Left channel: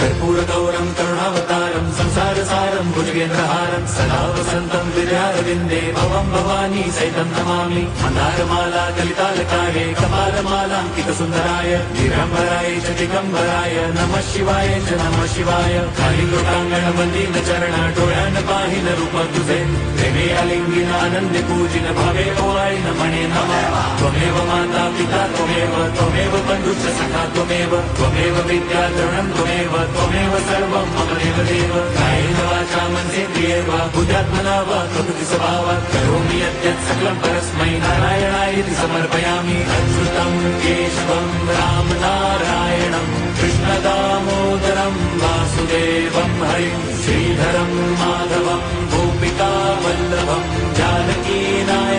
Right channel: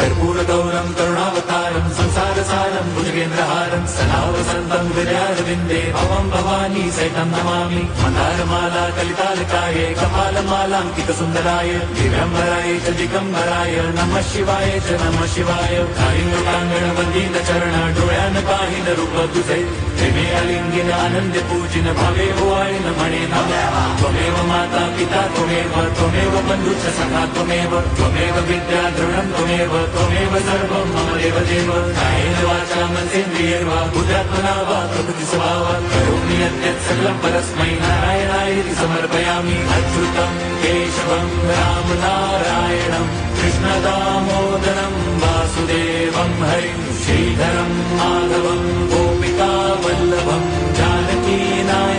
कर्पूरगौरं करुणावतारं संसारसारं भुजगेन्द्रहारं सदा वसन्तं विद्यारविन्दे भवं भवानी सहितं नमामि। मन्दारमाला कलितालकार्ये कपालमालाङ्कितसुन्दराय दिगम्बराय च दिगम्बराय नमः शिवाय च नमः शिवाय। कालिङ्गोटाङ्गण वन्दित चरण डोळ्यान पाहिन रूप तुझे प्रेमे अलिंगिन आनंद पूजिन भावे ओवाळीन म्हणे मम त्वमेव माता पिता त्वमेव बन्धुश्च सखा त्वमेव विद्या द्रवणं त्वमेव सर्वं मम देवदेव। कायेन वाचा मनसेन्द्रियैर्वा बुद्ध्यात्मना वा प्रकृति स्वभावात् करोमि यद्यत् सकलं परस्मै नारायणायति समर्पयामि। अच्युतं केशवं राम नारायणं कृष्णदामोदरं वासुदेवं हरिं श्रीधरं माधवं गोपिका वल्लभं जानकी नायकं